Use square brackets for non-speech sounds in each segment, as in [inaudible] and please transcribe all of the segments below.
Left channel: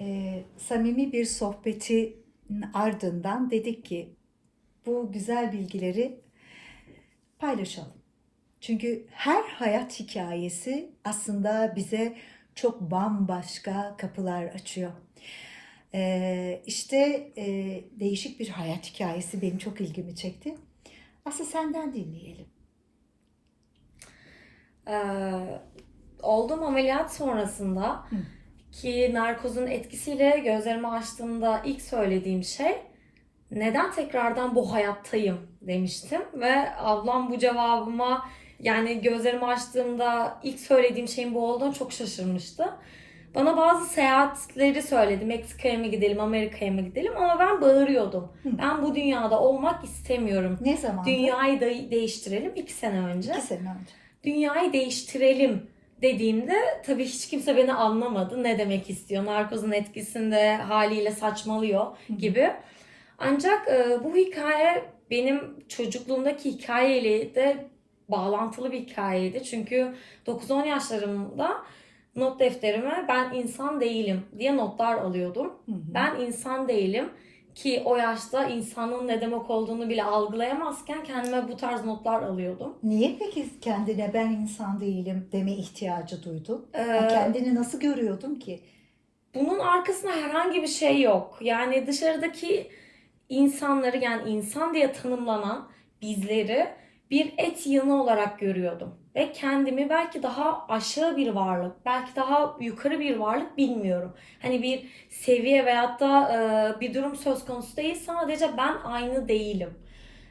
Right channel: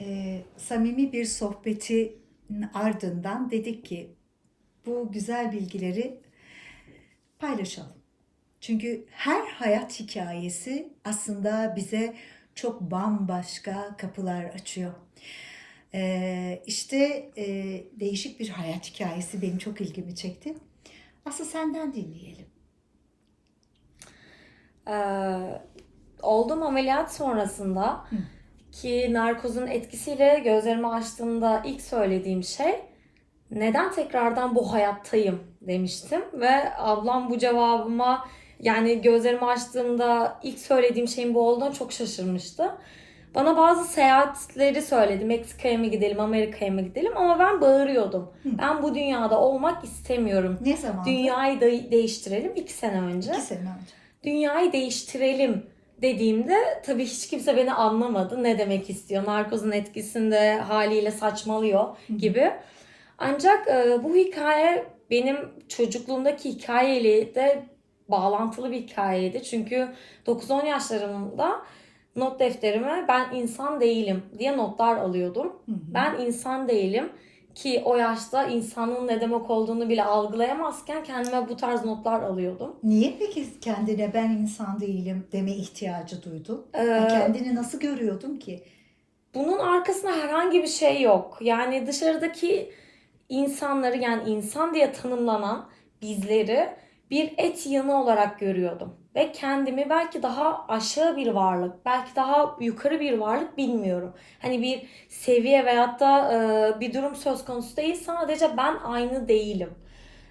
e, samimi bir sohbetin ardından dedik ki bu güzel bilgileri paylaşalım. Çünkü her hayat hikayesi aslında bize çok bambaşka kapılar açıyor. Ee, işte e, değişik bir hayat hikayesi benim çok ilgimi çekti. Asıl senden dinleyelim. Ee, olduğum ameliyat sonrasında Hı. Ki narkozun etkisiyle gözlerimi açtığımda ilk söylediğim şey neden tekrardan bu hayattayım demiştim ve ablam bu cevabıma yani gözlerimi açtığımda ilk söylediğim şeyin bu olduğunu çok şaşırmıştı. Bana bazı seyahatleri söyledi. Meksika'ya mı gidelim, Amerika'ya mı gidelim ama ben bağırıyordum. Hı. Ben bu dünyada olmak istemiyorum. Ne zaman? Dünyayı da değiştirelim iki sene önce İki sene önce. dünyayı değiştirelim dediğimde tabii hiç kimse beni anlamadı. Ne demek istiyor? Narkozun etkisinde haliyle saçmalıyor gibi. Ancak e, bu hikaye benim çocukluğumdaki hikayeyle de bağlantılı bir hikayeydi. Çünkü 9-10 yaşlarımda not defterime ben insan değilim diye notlar alıyordum. Hı hı. Ben insan değilim ki o yaşta insanlığın ne demek olduğunu bile algılayamazken kendime bu tarz notlar alıyordum. Niye peki kendine ben insan değilim deme ihtiyacı duydun? Ee, Yani kendini nasıl görüyordun ki? Bunun arkasında herhangi bir şey yok. Yani dışarıdaki insanları yani insan diye tanımlanan bizleri bir et yığını olarak görüyordum. Ve kendimi belki daha aşağı bir varlık, belki daha yukarı bir varlık bilmiyorum. Hani bir seviye veyahut da e, bir durum söz konusu değil. Sadece ben aynı değilim.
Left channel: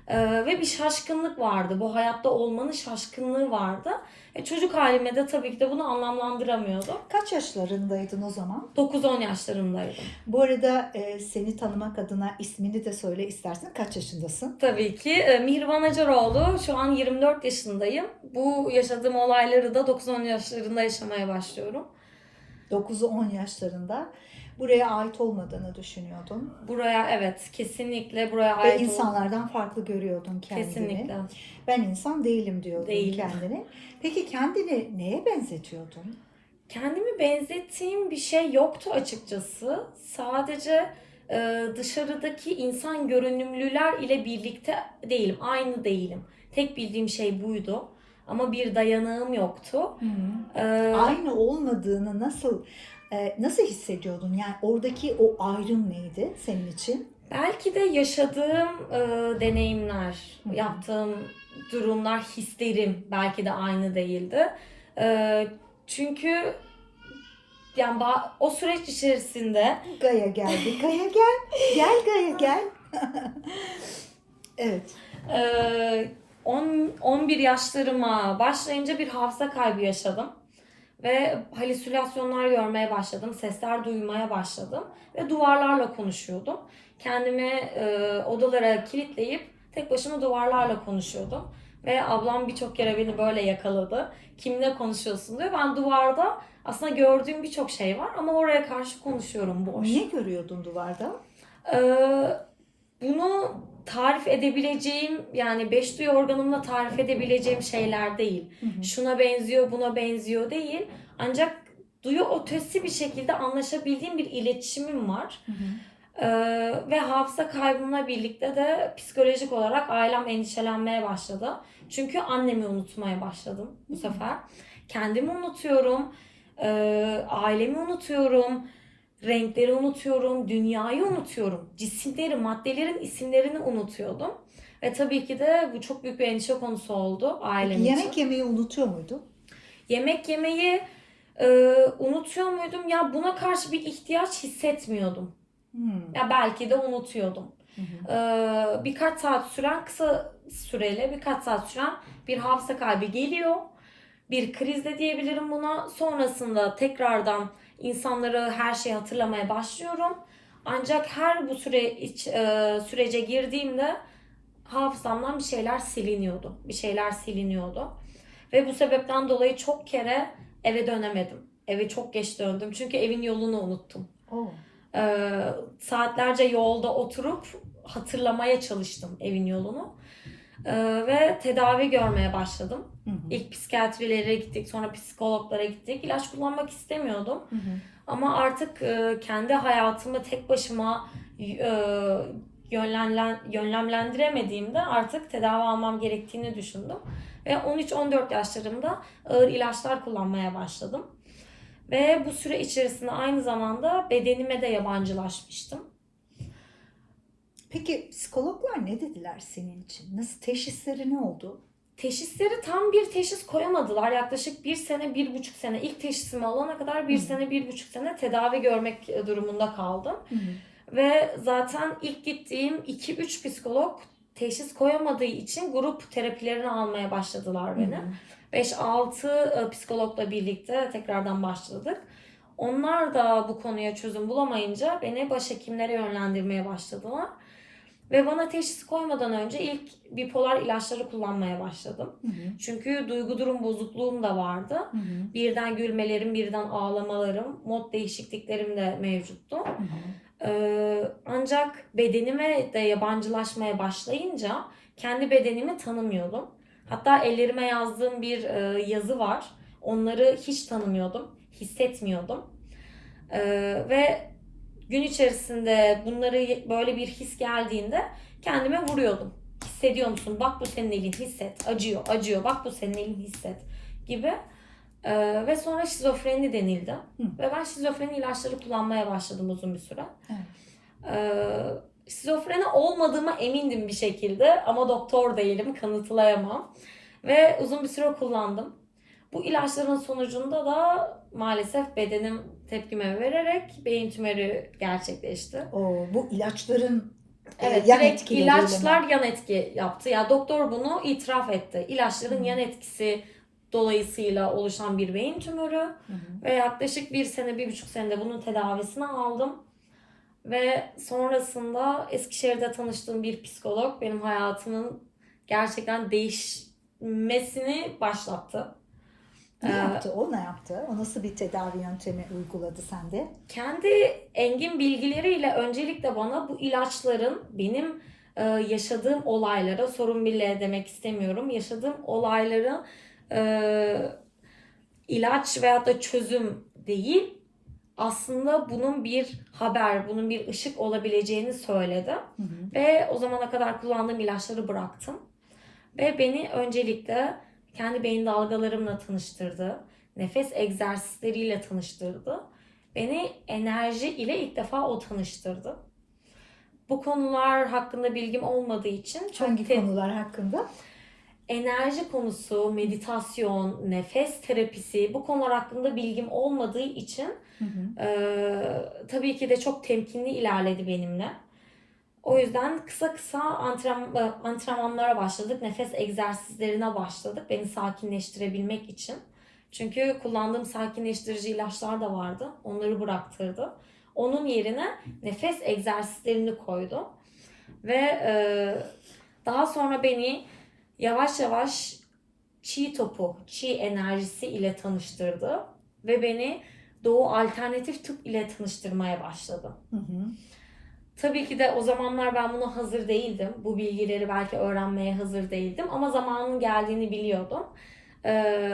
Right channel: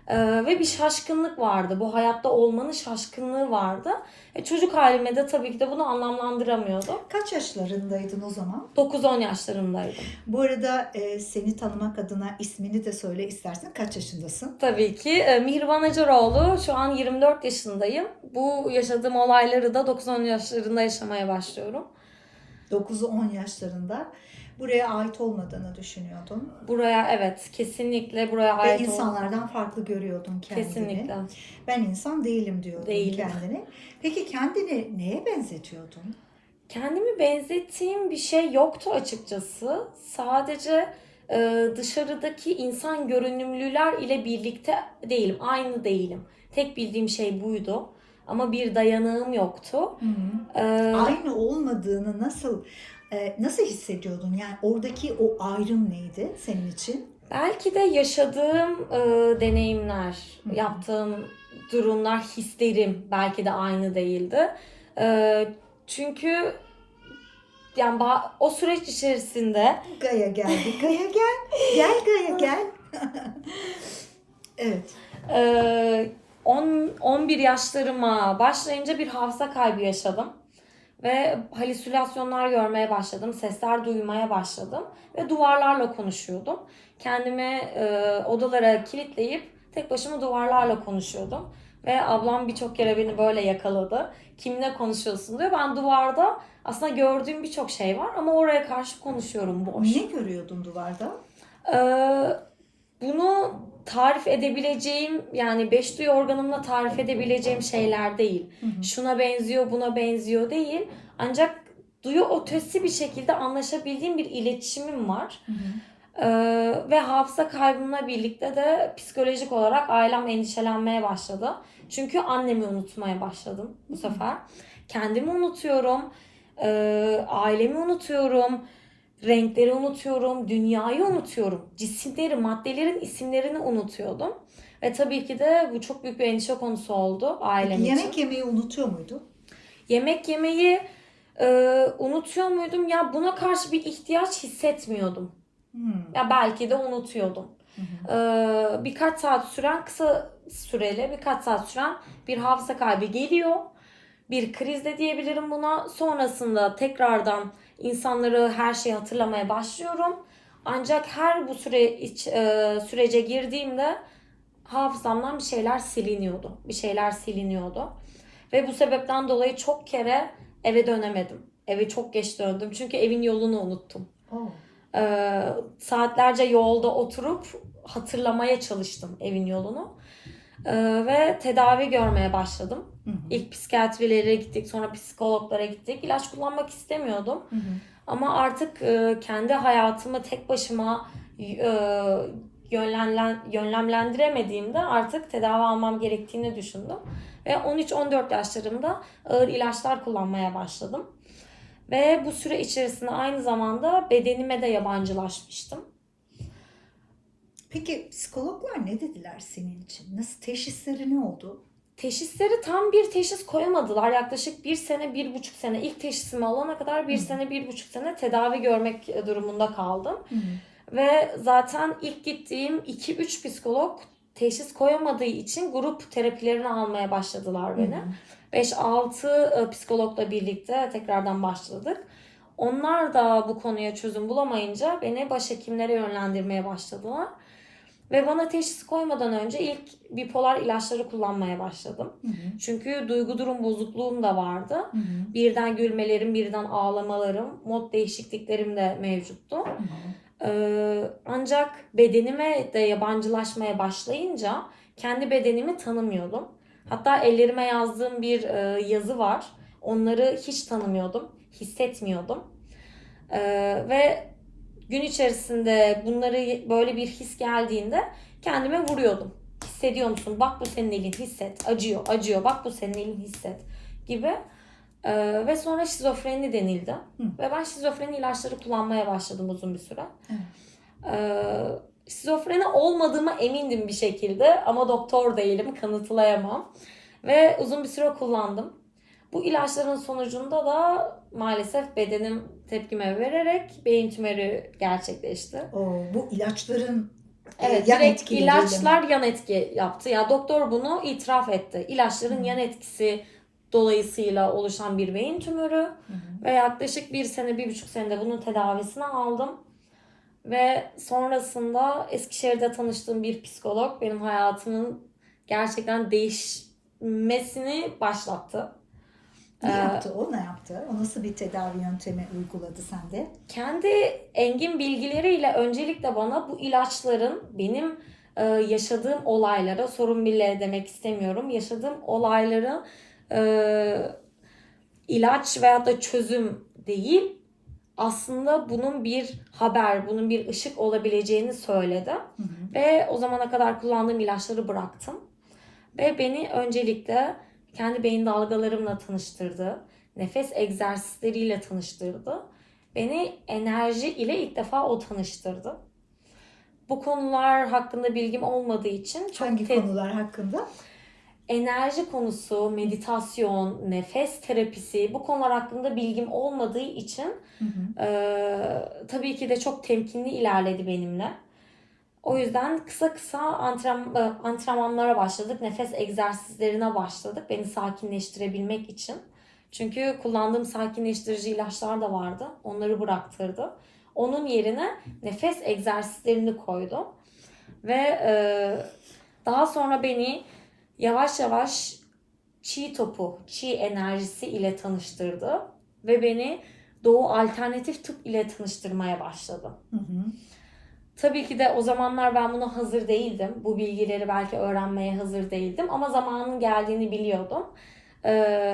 E, ve bir şaşkınlık vardı. Bu hayatta olmanın şaşkınlığı vardı. E, çocuk halime de tabii ki de bunu anlamlandıramıyordum. Kaç yaşlarındaydın o zaman? 9-10 yaşlarındaydım. Bu arada e, seni tanımak adına ismini de söyle istersen. Kaç yaşındasın? Tabii ki. E, Mihriban Acaroğlu. Şu an 24 yaşındayım. Bu yaşadığım olayları da 9-10 yaşlarında yaşamaya başlıyorum. 9-10 yaşlarında. Buraya ait olmadığını düşünüyordun. Buraya evet kesinlikle buraya Ve ait ol- insanlardan farklı görüyordun kendini. Kesinlikle. Ben insan değilim diyordun Değilim. kendini. Peki kendini neye benzetiyordun? Kendimi benzettiğim bir şey yoktu açıkçası. Sadece e, dışarıdaki insan görünümlüler ile birlikte değilim. Aynı değilim. Tek bildiğim şey buydu. Ama bir dayanığım yoktu. E, Aynı olmadığını nasıl e, nasıl hissediyordun? Yani oradaki o ayrım neydi senin için? Belki de yaşadığım e, deneyimler, Hı yaptığım durumlar, hislerim belki de aynı değildi. E, çünkü yani o süreç içerisinde Gaya geldi. Gaya gel. Gel Gaya [laughs] gel. [laughs] evet. e, 10 11 yaşlarıma başlayınca bir hafıza kaybı yaşadım. Ve halüsinasyonlar görmeye başladım, sesler duymaya başladım ve duvarlarla konuşuyordum. Kendimi e, odalara kilitleyip tek başıma duvarlarla konuşuyordum. Ve ablam birçok kere beni böyle yakaladı. Kimle konuşuyorsun diyor. Ben duvarda aslında gördüğüm birçok şey var ama oraya karşı konuşuyorum boş. Ne görüyordun duvarda? Ee, bunu tarif edebileceğim yani beş duyu organımla tarif edebileceğim şeyler değil. Hı hı. Şuna benziyor, buna benziyor değil. Ancak duyu ötesi bir şekilde anlaşabildiğim bir iletişimim var. Hı hı. Ee, ve hafıza kaybımla birlikte de psikolojik olarak ailem endişelenmeye başladı. Çünkü annemi unutmaya başladım bu sefer. Kendimi unutuyorum, e, ailemi unutuyorum, renkleri unutuyorum, dünyayı unutuyorum, cisimleri, maddelerin isimlerini unutuyordum. Ve tabii ki de bu çok büyük bir endişe konusu oldu ailem için. Yemek yemeyi unutuyor muydun? Yemek yemeyi e, unutuyor muydum? Ya buna karşı bir ihtiyaç hissetmiyordum. Hmm. Ya belki de unutuyordum. Hı hı. Ee, birkaç saat süren kısa süreli birkaç saat süren bir hafıza kaybı geliyor. Bir kriz de diyebilirim buna. Sonrasında tekrardan insanları her şeyi hatırlamaya başlıyorum. Ancak her bu süre iç, e, sürece girdiğimde hafızamdan bir şeyler siliniyordu. Bir şeyler siliniyordu. Ve bu sebepten dolayı çok kere eve dönemedim. Eve çok geç döndüm. Çünkü evin yolunu unuttum. Oo. Ee, saatlerce yolda oturup hatırlamaya çalıştım evin yolunu. Ee, ve tedavi görmeye başladım. Hı hı. İlk psikiyatrilere gittik, sonra psikologlara gittik. İlaç kullanmak istemiyordum. Hı hı. Ama artık e, kendi hayatımı tek başıma e, yönlenlen, yönlemlendiremediğimde artık tedavi almam gerektiğini düşündüm. Ve 13-14 yaşlarımda ağır ilaçlar kullanmaya başladım. Ve bu süre içerisinde aynı zamanda bedenime de yabancılaşmıştım. Peki psikologlar ne dediler senin için? Nasıl teşhisleri ne oldu? Teşhisleri tam bir teşhis koyamadılar. Yaklaşık bir sene, bir buçuk sene ilk teşhisimi alana kadar bir Hı. sene, bir buçuk sene tedavi görmek durumunda kaldım. Hı Ve zaten ilk gittiğim 2-3 psikolog teşhis koyamadığı için grup terapilerini almaya başladılar beni. 5-6 e, psikologla birlikte tekrardan başladık. Onlar da bu konuya çözüm bulamayınca beni başhekimlere yönlendirmeye başladılar. Ve bana teşhis koymadan önce ilk bipolar ilaçları kullanmaya başladım. Hı hı. Çünkü duygu durum bozukluğum da vardı. Hı hı. Birden gülmelerim, birden ağlamalarım, mod değişikliklerim de mevcuttu. Hı hı. Ee, ancak bedenime de yabancılaşmaya başlayınca kendi bedenimi tanımıyordum. Hatta ellerime yazdığım bir e, yazı var. Onları hiç tanımıyordum, hissetmiyordum. Ee, ve gün içerisinde bunları böyle bir his geldiğinde kendime vuruyordum. Hissediyor musun? Bak bu senin elin hisset. Acıyor, acıyor. Bak bu senin elin hisset gibi. Ee, ve sonra şizofreni denildi. Hı. Ve ben şizofreni ilaçları kullanmaya başladım uzun bir süre. Evet. Ee, şizofreni olmadığıma emindim bir şekilde ama doktor değilim, kanıtlayamam. Ve uzun bir süre kullandım. Bu ilaçların sonucunda da maalesef bedenim tepkime vererek beyin tümörü gerçekleşti. O, bu ilaçların e, Evet, yan direkt etkileriyle mi? ilaçlar yan etki yaptı. Ya doktor bunu itiraf etti. İlaçların Hı. yan etkisi dolayısıyla oluşan bir beyin tümörü Hı hı. ve yaklaşık bir sene, bir buçuk senede bunun tedavisini aldım. Ve sonrasında Eskişehir'de tanıştığım bir psikolog benim hayatımın gerçekten değişmesini başlattı. Ne Ee, yaptı? O ne yaptı? O nasıl bir tedavi yöntemi uyguladı sende? kendi engin bilgileriyle öncelikle bana bu ilaçların benim e, yaşadığım olaylara sorun bile demek istemiyorum. Yaşadığım olayları e, ilaç veya da çözüm değil aslında bunun bir haber, bunun bir ışık olabileceğini söyledi. Hı hı. Ve o zamana kadar kullandığım ilaçları bıraktım. Ve beni öncelikle kendi beyin dalgalarımla tanıştırdı. Nefes egzersizleriyle tanıştırdı. Beni enerji ile ilk defa o tanıştırdı. Bu konular hakkında bilgim olmadığı için çok Hangi konular hakkında? enerji konusu, meditasyon, nefes terapisi bu konular hakkında bilgim olmadığı için Hı hı. ee, tabii ki de çok temkinli ilerledi benimle. O yüzden kısa kısa antrenman, e, antrenmanlara başladık. Nefes egzersizlerine başladık. Beni sakinleştirebilmek için. Çünkü kullandığım sakinleştirici ilaçlar da vardı. Onları bıraktırdı. Onun yerine nefes egzersizlerini koydu. Ve e, daha sonra beni yavaş yavaş çi topu, çi enerjisi ile tanıştırdı. Ve beni Doğu alternatif tıp ile tanıştırmaya başladı. Hı hı. Tabii ki de o zamanlar ben buna hazır değildim. Bu bilgileri belki öğrenmeye hazır değildim ama zamanın geldiğini biliyordum. Ee,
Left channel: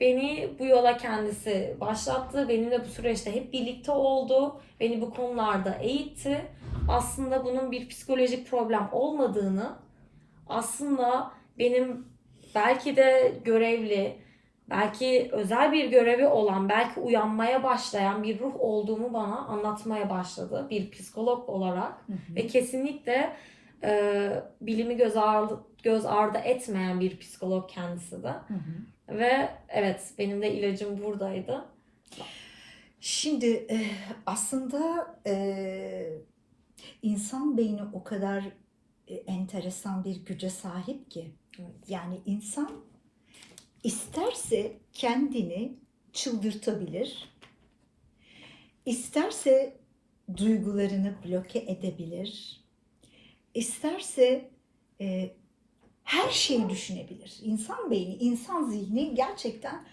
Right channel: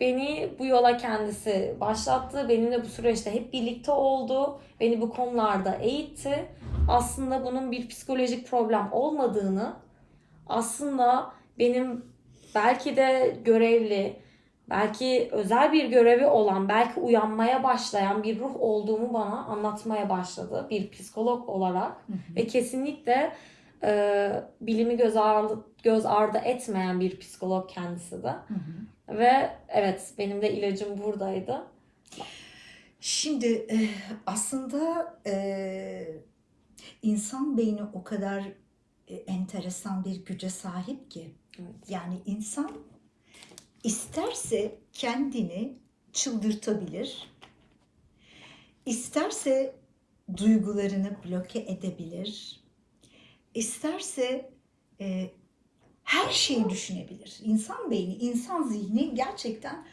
beni bu yola kendisi başlattı. Benimle bu süreçte hep birlikte oldu. Beni bu konularda eğitti. Aslında bunun bir psikolojik problem olmadığını, aslında benim belki de görevli, belki özel bir görevi olan, belki uyanmaya başlayan bir ruh olduğumu bana anlatmaya başladı bir psikolog olarak Hı hı. ve kesinlikle e, bilimi göz ardı, göz ardı etmeyen bir psikolog kendisi de Hı hı. ve evet benim de ilacım buradaydı. Şimdi e, aslında e, insan beyni o kadar e, enteresan bir güce sahip ki. Evet. Yani insan isterse kendini çıldırtabilir, isterse duygularını bloke edebilir, isterse e, her şeyi düşünebilir. İnsan beyni, insan zihni gerçekten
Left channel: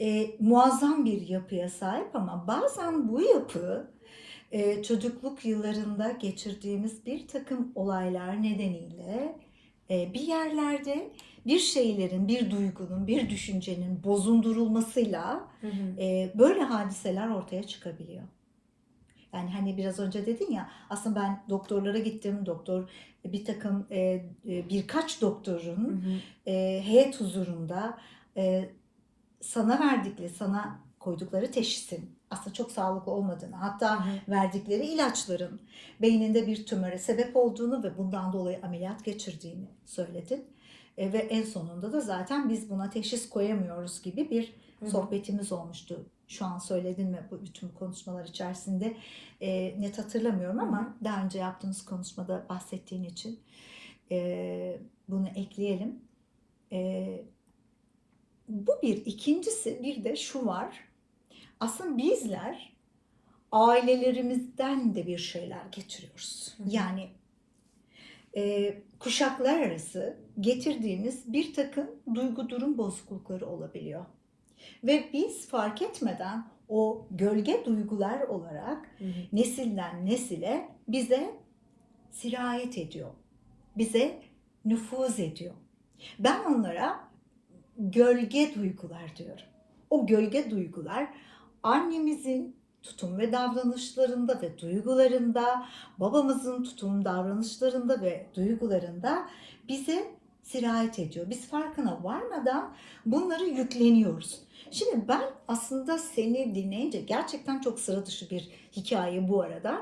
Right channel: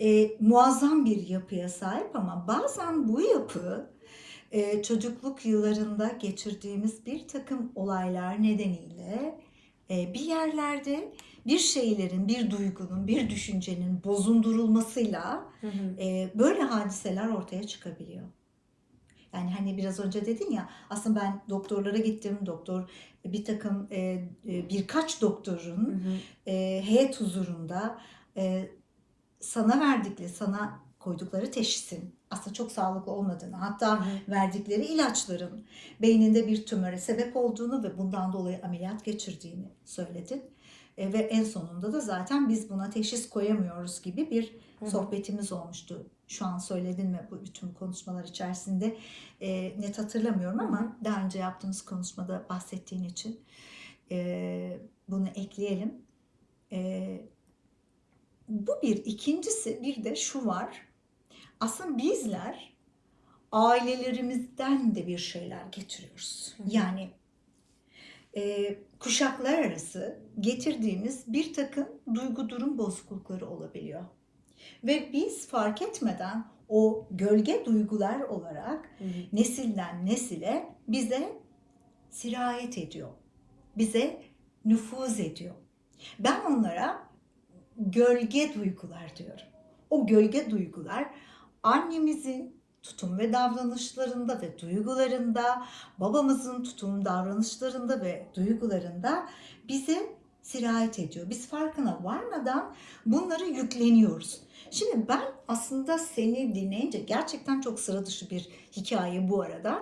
e, muazzam bir yapıya sahip ama bazen bu yapı e, çocukluk yıllarında geçirdiğimiz bir takım olaylar nedeniyle e, bir yerlerde bir şeylerin, bir duygunun, bir düşüncenin bozundurulmasıyla Hı hı. e, böyle hadiseler ortaya çıkabiliyor. Yani hani biraz önce dedin ya aslında ben doktorlara gittim. Doktor bir takım e, e, birkaç Hı doktorun hı. e, heyet huzurunda e, sana verdikleri, sana koydukları teşhisin aslında çok sağlıklı olmadığını, hatta Hı hı. verdikleri ilaçların beyninde bir tümöre sebep olduğunu ve bundan dolayı ameliyat geçirdiğini söyledin. E, ve en sonunda da zaten biz buna teşhis koyamıyoruz gibi bir Hı hı. sohbetimiz olmuştu. Şu an söyledin mi bu bütün konuşmalar içerisinde e, net hatırlamıyorum ama Hı hı. daha önce yaptığımız konuşmada bahsettiğin için e, bunu ekleyelim. E, bu bir. İkincisi bir de şu var. Aslında bizler ailelerimizden de bir şeyler getiriyoruz. Hı hı. Yani e, kuşaklar arası getirdiğimiz bir takım duygu durum bozuklukları olabiliyor. Ve biz fark etmeden o gölge duygular olarak Hı hı. nesilden nesile bize sirayet ediyor. Bize nüfuz ediyor. Ben onlara gölge duygular diyorum. O gölge duygular annemizin tutum ve davranışlarında ve duygularında, babamızın tutum davranışlarında ve duygularında bize sirayet ediyor. Biz farkına varmadan bunları yükleniyoruz. Şimdi ben aslında seni dinleyince gerçekten çok sıra dışı bir hikaye bu arada.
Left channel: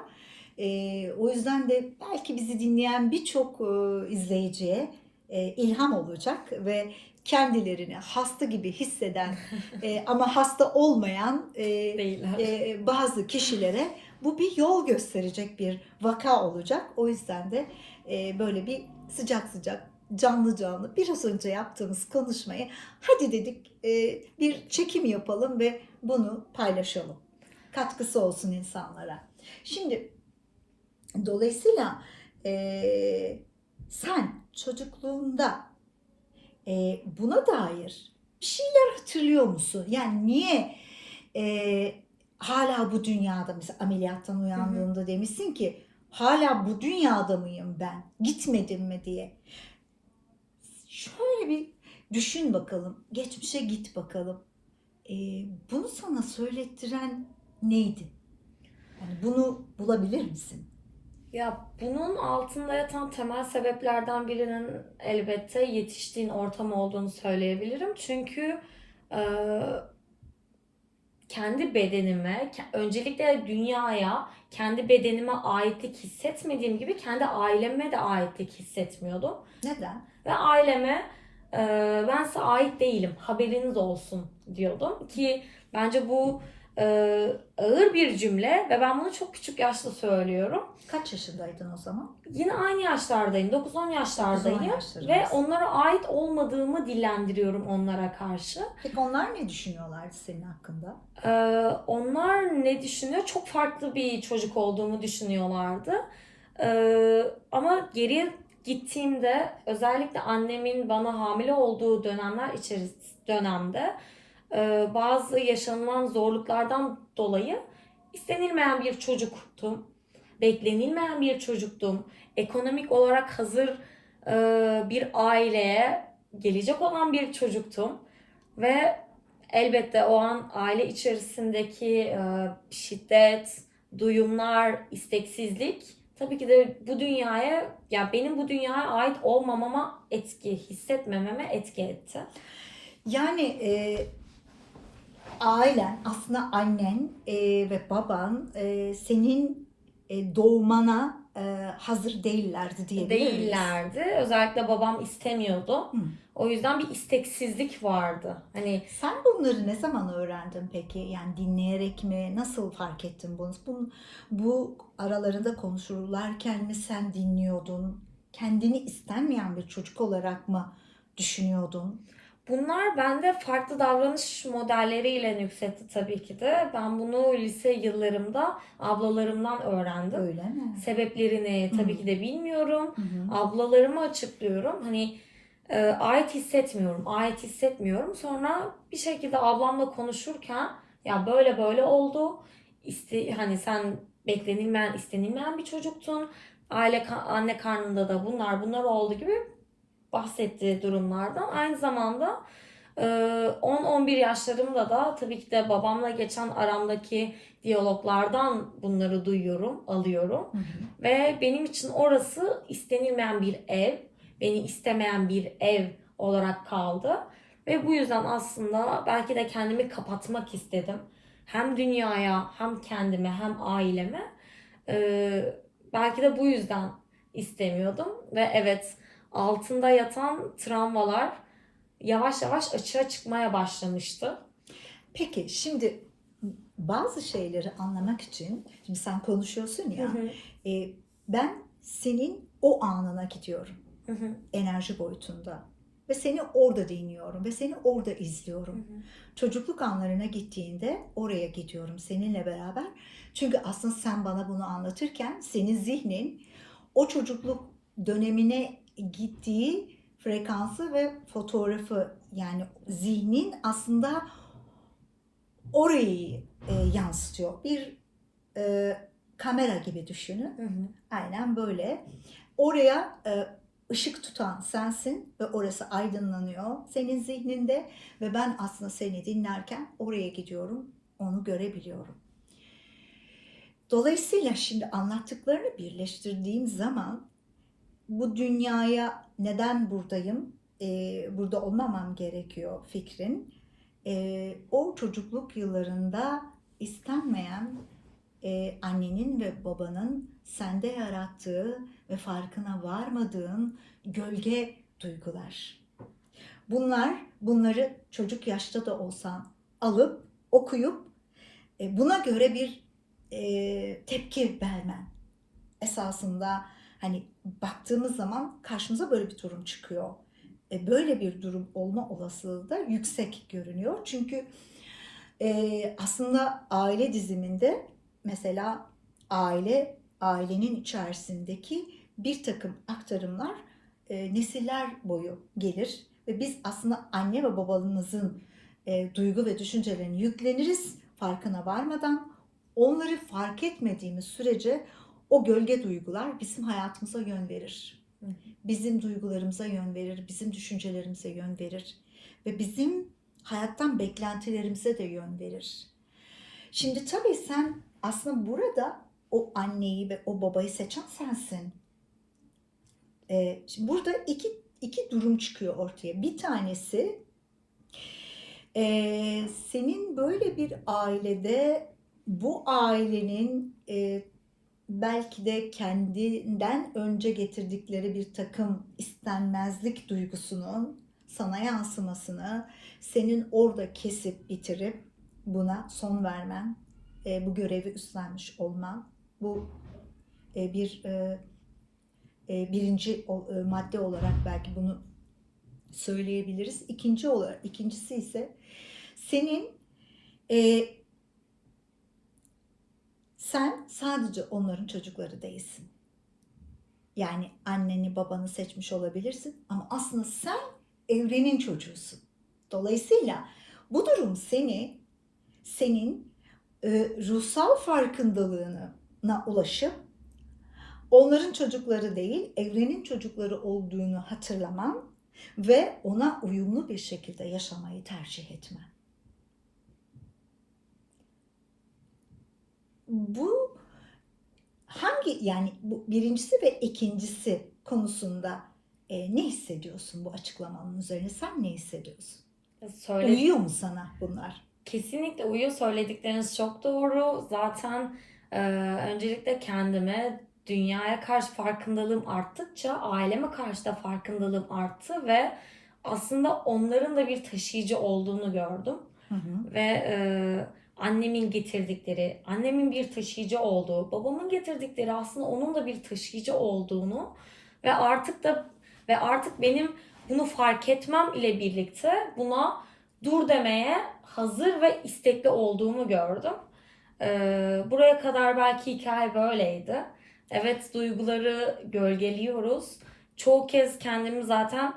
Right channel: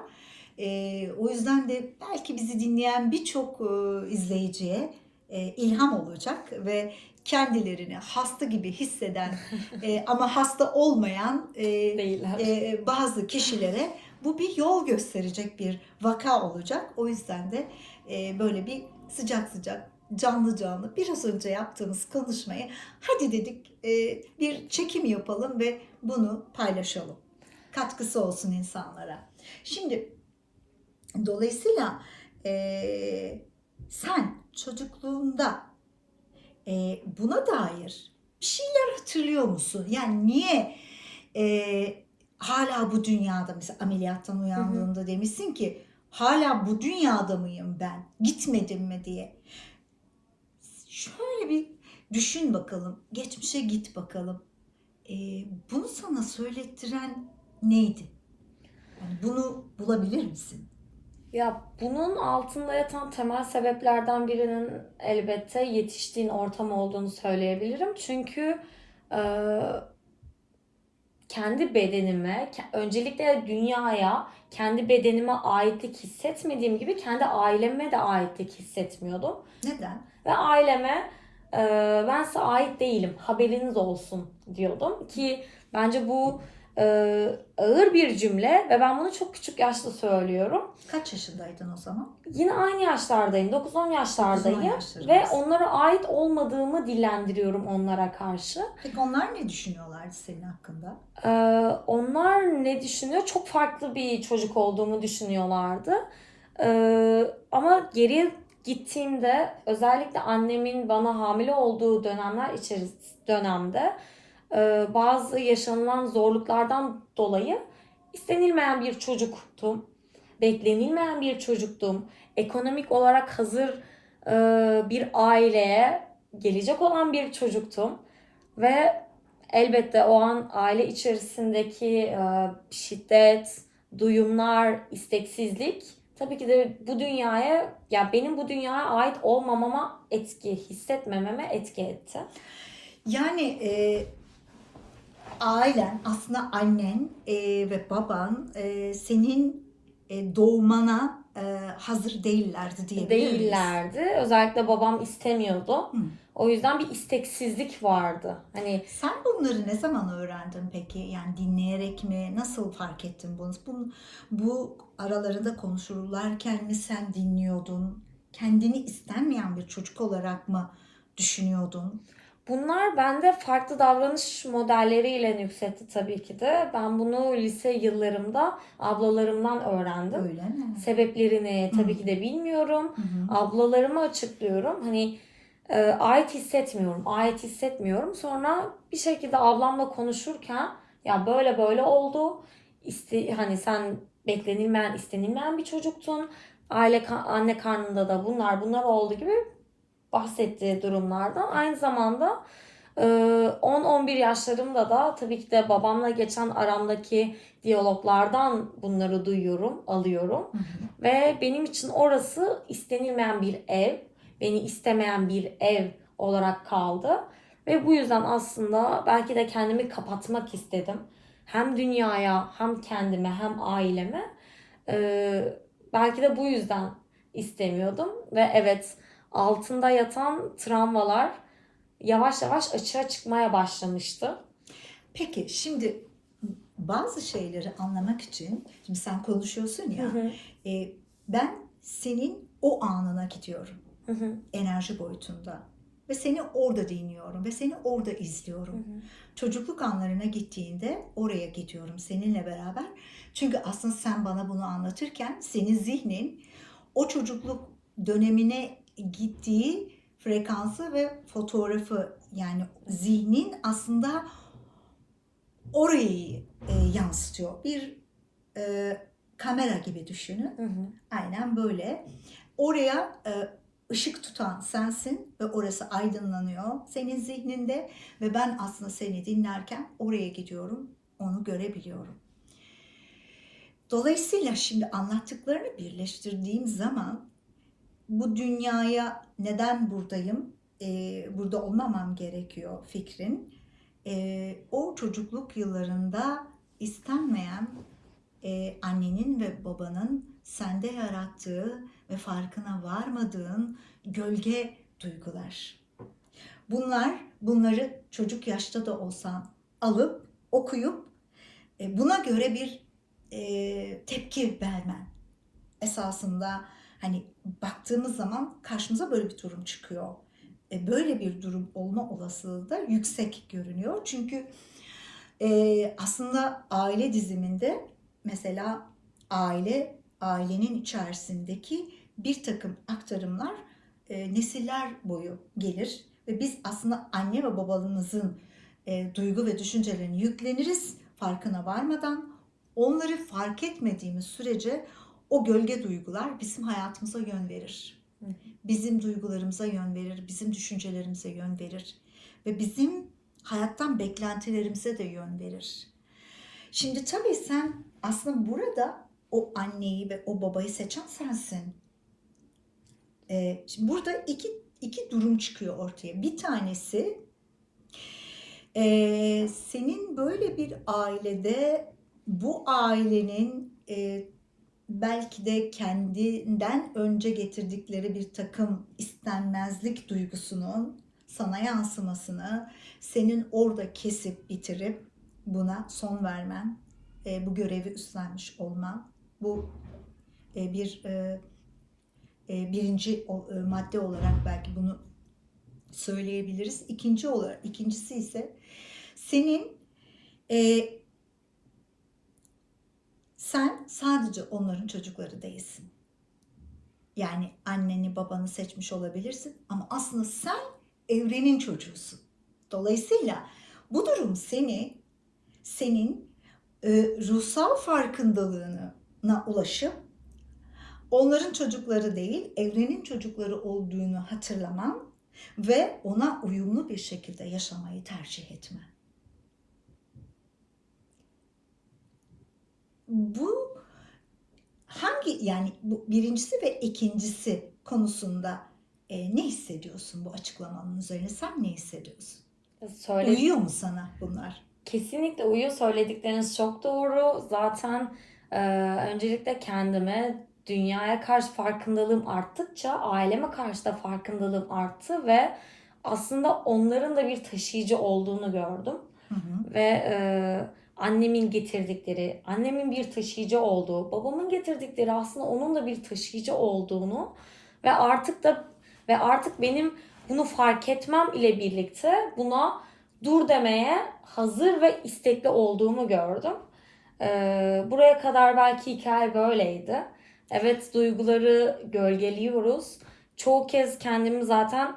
Ee, o yüzden de belki bizi dinleyen birçok e, izleyiciye e, ilham olacak ve kendilerini hasta gibi hisseden e, ama hasta olmayan e, Değiller. e, bazı kişilere bu bir yol gösterecek bir vaka olacak. O yüzden de e, böyle bir sıcak sıcak canlı canlı biraz önce yaptığımız konuşmayı hadi dedik e, bir çekim yapalım ve bunu paylaşalım. Katkısı olsun insanlara. Şimdi dolayısıyla e, sen çocukluğunda e, buna dair bir şeyler hatırlıyor musun? Yani niye e, hala bu dünyada mesela ameliyattan uyandığında demişsin ki hala bu dünyada mıyım ben? Gitmedim mi diye. Şöyle bir düşün bakalım. Geçmişe git bakalım. E, bunu sana söylettiren neydi? Yani bunu bulabilir misin? Ya bunun altında yatan temel sebeplerden birinin elbette yetiştiğin ortam olduğunu söyleyebilirim. Çünkü e, kendi bedenime, öncelikle dünyaya, kendi bedenime aitlik hissetmediğim gibi kendi aileme de aitlik hissetmiyordum. Neden? Ve aileme e, ben size ait değilim, haberiniz olsun diyordum. Ki bence bu e, ağır bir cümle ve ben bunu çok küçük yaşta söylüyorum. Kaç yaşındaydın o zaman? Yine aynı yaşlardayım. 9-10 yaşlardayım. 9-10 yaşlarındasın. Ve onlara ait olmadığımı dillendiriyorum onlara karşı. Peki onlar ne düşünüyorlardı senin hakkında? Ee, onlar ne düşünüyor? Çok farklı bir çocuk olduğumu düşünüyorlardı. Ee, ama geriye gittiğimde özellikle annemin bana hamile olduğu dönemler içerisinde dönemde bazı yaşanılan zorluklardan dolayı istenilmeyen bir çocuktum. Beklenilmeyen bir çocuktum. Ekonomik olarak hazır e, bir aileye gelecek olan bir çocuktum. Ve elbette o an aile içerisindeki e, şiddet, duyumlar, isteksizlik tabii ki de bu dünyaya, ya benim bu dünyaya ait olmamama etki, hissetmememe etki etti. Yani e, ailen aslında annen e, ve baban e, senin e, doğmana e, hazır değillerdi diyebilir miyiz? Değillerdi. Özellikle babam istemiyordu. Hı. O yüzden bir isteksizlik vardı. Hani Sen bunları ne zaman öğrendin peki? Yani dinleyerek mi? Nasıl fark ettin bunu? Bu, bu aralarında konuşurlarken mi sen dinliyordun? Kendini istenmeyen bir çocuk olarak mı düşünüyordun? Bunlar bende farklı davranış modelleriyle nüksetti tabii ki de. Ben bunu lise yıllarımda ablalarımdan öğrendim. Öyle mi? Sebeplerini tabii Hı. ki de bilmiyorum. Hı hı. Ablalarıma açıklıyorum. Hani e, ait hissetmiyorum, ait hissetmiyorum. Sonra bir şekilde ablamla konuşurken ya böyle böyle oldu. İste, hani sen beklenilmeyen, istenilmeyen bir çocuktun. Aile anne karnında da bunlar bunlar oldu gibi bahsettiği durumlardan aynı zamanda e, 10-11 yaşlarımda da tabii ki de babamla geçen aramdaki diyaloglardan bunları duyuyorum, alıyorum. Hı hı. Ve benim için orası istenilmeyen bir ev, beni istemeyen bir ev olarak kaldı. Ve bu yüzden aslında belki de kendimi kapatmak istedim. Hem dünyaya, hem kendime, hem aileme. Ee, belki de bu yüzden istemiyordum. Ve evet altında yatan travmalar yavaş yavaş açığa çıkmaya başlamıştı. Peki şimdi bazı şeyleri anlamak için, şimdi sen konuşuyorsun ya, Hı hı, e, ben senin o anına gidiyorum hı hı, enerji boyutunda ve seni orada dinliyorum ve seni orada hı izliyorum. hı. Çocukluk anlarına gittiğinde oraya gidiyorum seninle beraber. Çünkü aslında sen bana bunu anlatırken senin zihnin o çocukluk dönemine gittiği frekansı ve fotoğrafı yani zihnin aslında orayı e, yansıtıyor. Bir e, kamera gibi düşünün. Hı hı. Aynen böyle. Oraya e, ışık tutan sensin ve orası aydınlanıyor senin zihninde ve ben aslında seni dinlerken oraya gidiyorum, onu görebiliyorum. Dolayısıyla şimdi anlattıklarını birleştirdiğim zaman bu dünyaya neden buradayım, e, burada olmamam gerekiyor fikrin. E, o çocukluk yıllarında istenmeyen e, annenin ve babanın sende yarattığı ve farkına varmadığın gölge duygular. Bunlar, bunları çocuk yaşta da olsan alıp okuyup e, buna göre bir e, tepki vermen. Esasında hani baktığımız zaman karşımıza böyle bir durum çıkıyor. E, böyle bir durum olma olasılığı da yüksek görünüyor. Çünkü e, aslında aile diziminde mesela aile, ailenin içerisindeki bir takım aktarımlar e, nesiller boyu gelir ve biz aslında anne ve babamızın e, duygu ve düşüncelerini yükleniriz farkına varmadan. Onları fark etmediğimiz sürece o gölge duygular bizim hayatımıza yön verir. Bizim duygularımıza yön verir, bizim düşüncelerimize yön verir ve bizim hayattan beklentilerimize de yön verir. Şimdi tabii sen aslında burada o anneyi ve o babayı seçen sensin. Ee, şimdi burada iki, iki durum çıkıyor ortaya. Bir tanesi ee, senin böyle bir ailede bu ailenin e, belki de kendinden önce getirdikleri bir takım istenmezlik duygusunun sana yansımasını senin orada kesip bitirip buna son vermen, e, bu görevi üstlenmiş olman, bu e, bir e, birinci madde olarak belki bunu söyleyebiliriz. İkinci olarak, ikincisi ise senin sen sadece onların çocukları değilsin. Yani anneni babanı seçmiş olabilirsin ama aslında sen evrenin çocuğusun. Dolayısıyla bu durum seni senin e, ruhsal farkındalığına ulaşıp onların çocukları değil evrenin çocukları olduğunu hatırlaman ve ona uyumlu bir şekilde yaşamayı tercih etmen. Bu hangi yani bu birincisi ve ikincisi konusunda e, ne hissediyorsun bu açıklamanın üzerine? Sen ne hissediyorsun? Söyle, Uyuyor mu sana bunlar? Kesinlikle uyuyor. Söyledikleriniz çok doğru. Zaten e, öncelikle kendime, dünyaya karşı farkındalığım arttıkça aileme karşı da farkındalığım arttı ve aslında onların da bir taşıyıcı olduğunu gördüm. Hı hı. Ve e, annemin getirdikleri, annemin bir taşıyıcı olduğu, babamın getirdikleri aslında onun da bir taşıyıcı olduğunu ve artık da ve artık benim bunu fark etmem ile birlikte buna dur demeye hazır ve istekli olduğumu gördüm. E, buraya kadar belki hikaye böyleydi. Evet duyguları gölgeliyoruz. Çoğu kez kendimi zaten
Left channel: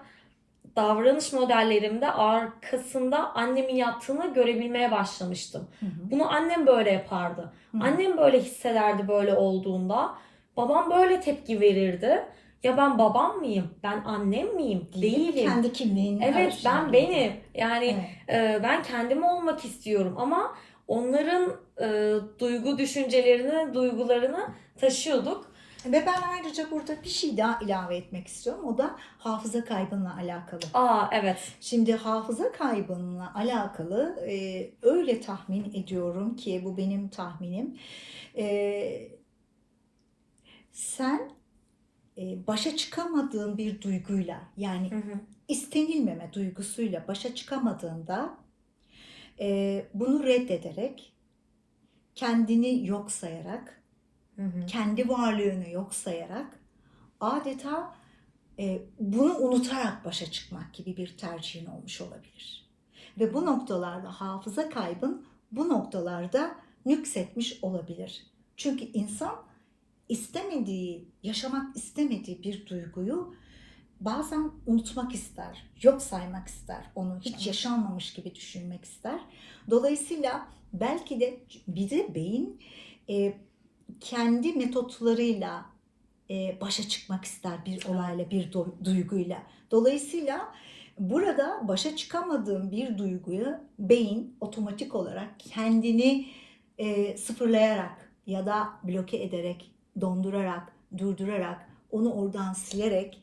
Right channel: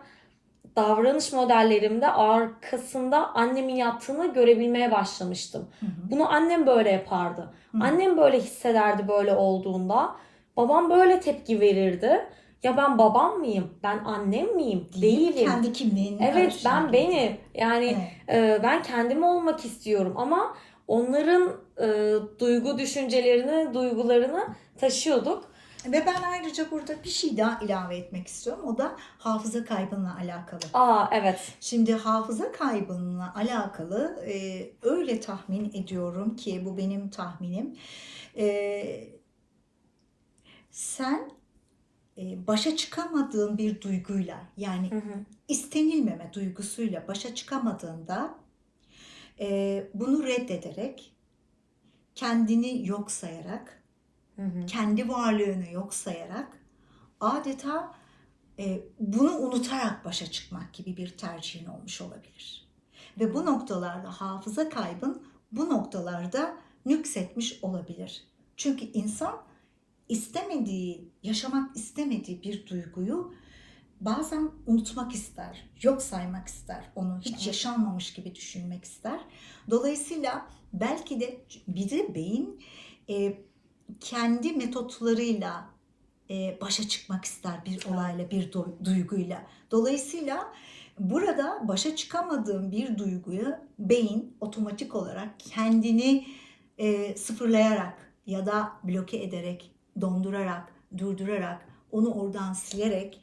davranış modellerimde arkasında annemin yaptığını görebilmeye başlamıştım. Hı hı. Bunu annem böyle yapardı. Hı hı. Annem böyle hissederdi böyle olduğunda. Babam böyle tepki verirdi. ya ben babam mıyım? Ben annem miyim? Değil, Değilim. kendi kimliğini Evet ben benim. Yani Evet. e, ben kendim olmak istiyorum ama onların e, duygu düşüncelerini, duygularını taşıyorduk. Ve ben ayrıca burada bir şey daha ilave etmek istiyorum. O da hafıza kaybınla alakalı. Aa evet. Şimdi hafıza kaybınla alakalı e, öyle tahmin ediyorum ki bu benim tahminim. E, sen e, başa çıkamadığın bir duyguyla yani Hı hı. istenilmeme duygusuyla başa çıkamadığında e, bunu reddederek kendini yok sayarak Hı hı. kendi varlığını yok sayarak adeta e, bunu unutarak başa çıkmak gibi bir tercihin olmuş olabilir. Ve bu noktalarda hafıza kaybın bu noktalarda nüksetmiş olabilir. Çünkü insan istemediği, yaşamak istemediği bir duyguyu bazen unutmak ister, yok saymak ister, onu hiç yaşanmamış gibi düşünmek ister. Dolayısıyla belki de bir de beyin e, kendi metotlarıyla e, başa çıkmak ister bir olayla, bir du- duyguyla. Dolayısıyla burada başa çıkamadığım bir duyguyu beyin otomatik olarak kendini e, sıfırlayarak ya da bloke ederek, dondurarak, durdurarak, onu oradan silerek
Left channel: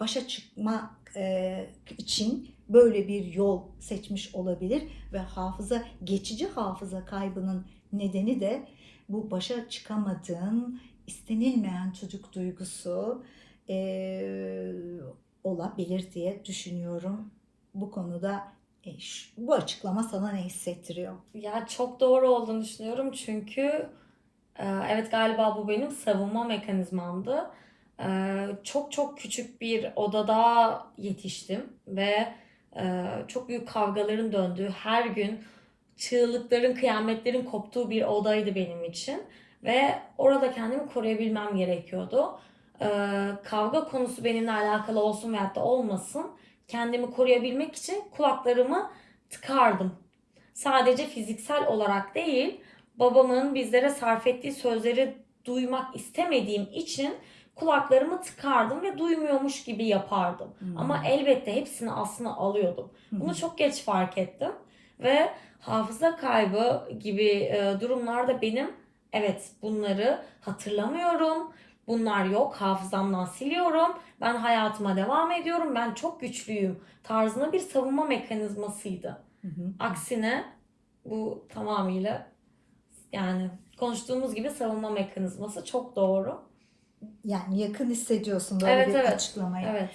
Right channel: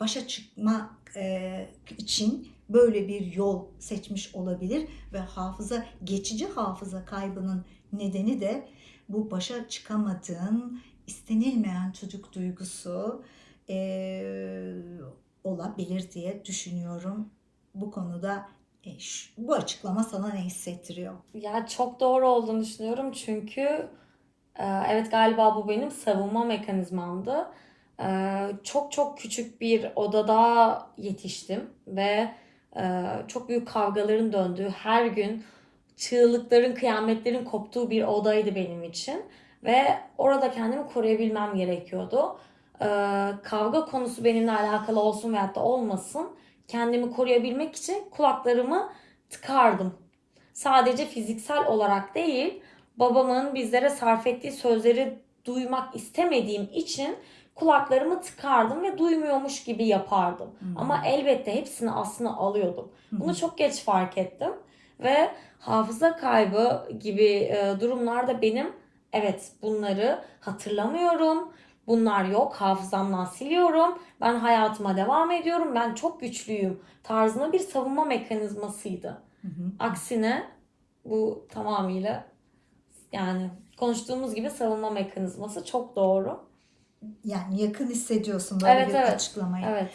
başa çıkmak e, için böyle bir yol seçmiş olabilir ve hafıza geçici hafıza kaybının nedeni de bu başa çıkamadığın istenilmeyen çocuk duygusu e, olabilir diye düşünüyorum. Bu konuda e, bu açıklama sana ne hissettiriyor? Ya çok doğru olduğunu düşünüyorum çünkü e, evet galiba bu benim savunma mekanizmamdı. E, Çok çok küçük bir odada yetiştim ve e, çok büyük kavgaların döndüğü, her gün çığlıkların, kıyametlerin koptuğu bir odaydı benim için ve orada kendimi koruyabilmem gerekiyordu. E, Kavga konusu benimle alakalı olsun veyahut da olmasın, kendimi koruyabilmek için kulaklarımı tıkardım sadece fiziksel olarak değil, babamın bizlere sarf ettiği sözleri duymak istemediğim için kulaklarımı tıkardım ve duymuyormuş gibi yapardım. Hmm. Ama elbette hepsini aslında alıyordum. Bunu çok geç fark ettim ve hafıza kaybı gibi e, durumlarda benim evet bunları hatırlamıyorum. Bunlar yok. Hafızamdan siliyorum. Ben hayatıma devam ediyorum. Ben çok güçlüyüm tarzında bir savunma mekanizmasıydı. Hı hı. Aksine bu tamamıyla yani konuştuğumuz gibi savunma mekanizması çok doğru. Yani yakın hissediyorsun böyle Evet, bir evet. açıklamayı. Evet.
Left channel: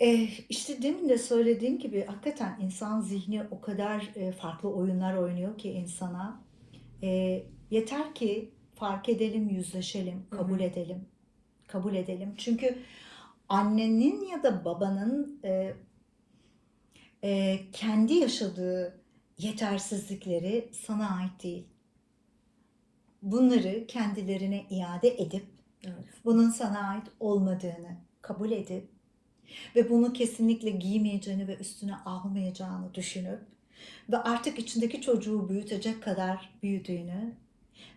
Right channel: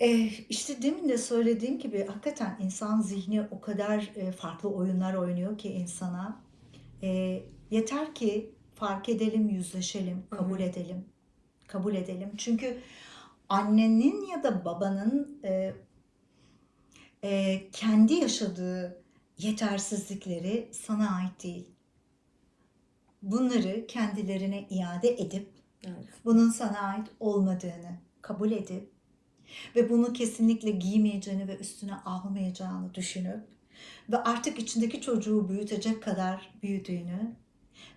E, işte demin de söylediğim gibi hakikaten insan zihni o kadar e, farklı oyunlar oynuyor ki insana. E, yeter ki fark edelim, yüzleşelim, kabul Hı hı. edelim. Kabul edelim. Çünkü annenin ya da babanın e, e, kendi yaşadığı yetersizlikleri sana ait değil. Bunları kendilerine iade edip Evet. bunun sana ait olmadığını kabul edip ve bunu kesinlikle giymeyeceğini ve üstüne almayacağını düşünüp ve artık içindeki çocuğu büyütecek kadar büyüdüğünü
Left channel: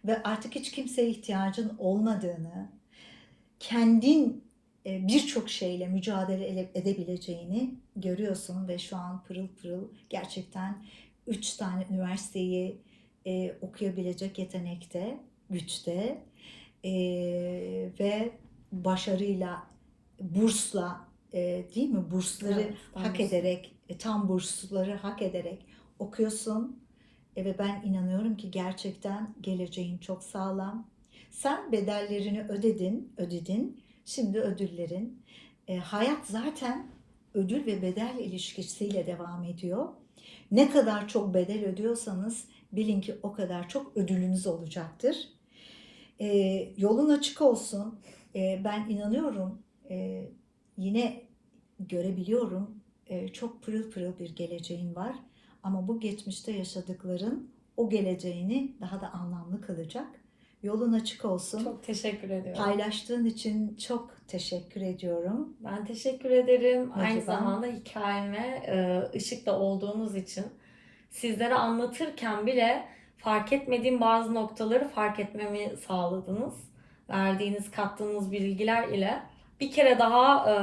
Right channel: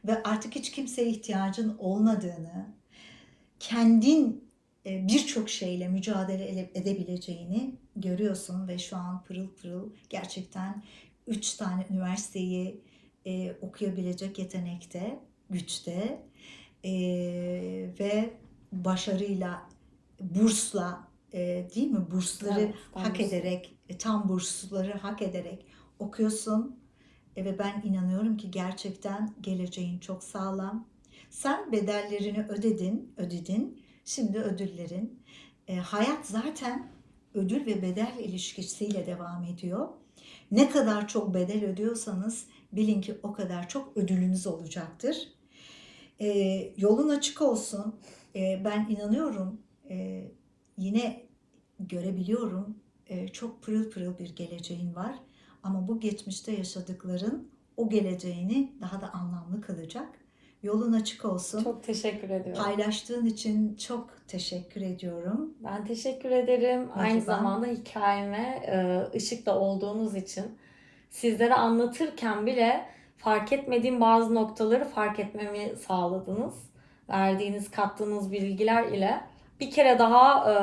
ve artık hiç kimseye ihtiyacın olmadığını, kendin e, birçok şeyle mücadele ele- edebileceğini görüyorsun ve şu an pırıl pırıl gerçekten üç tane üniversiteyi e, okuyabilecek yetenekte, güçte e, ve başarıyla, bursla e, değil mi? Bursları Evet, hak burs. ederek, e, tam bursları hak ederek okuyorsun. E, ve ben inanıyorum ki gerçekten geleceğin çok sağlam. Sen bedellerini ödedin, ödedin. Şimdi ödüllerin. E, hayat zaten ödül ve bedel ilişkisiyle devam ediyor. Ne kadar çok bedel ödüyorsanız bilin ki o kadar çok ödülünüz olacaktır. E, yolun açık olsun. E, ben inanıyorum. E, yine görebiliyorum. E, çok pırıl pırıl bir geleceğin var. Ama bu geçmişte yaşadıkların o geleceğini daha da anlamlı kılacak. Yolun açık olsun. Çok teşekkür ediyorum. Paylaştığın için çok teşekkür ediyorum. Ben teşekkür ederim. Aynı Mihriban. zamanda hikayeme e, ışıkla olduğunuz için. Sizlere anlatırken bile fark etmediğim bazı noktaları fark etmemi sağladınız. Verdiğiniz, kattığınız bilgiler ile bir kere daha e,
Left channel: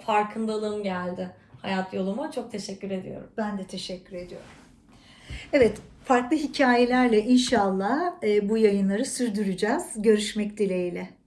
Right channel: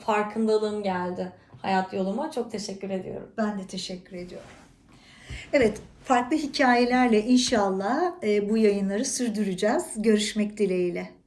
farkındalığım geldi hayat yoluma. Çok teşekkür ediyorum. Ben de teşekkür ediyorum. Evet, farklı hikayelerle inşallah e, bu yayınları sürdüreceğiz. Görüşmek dileğiyle.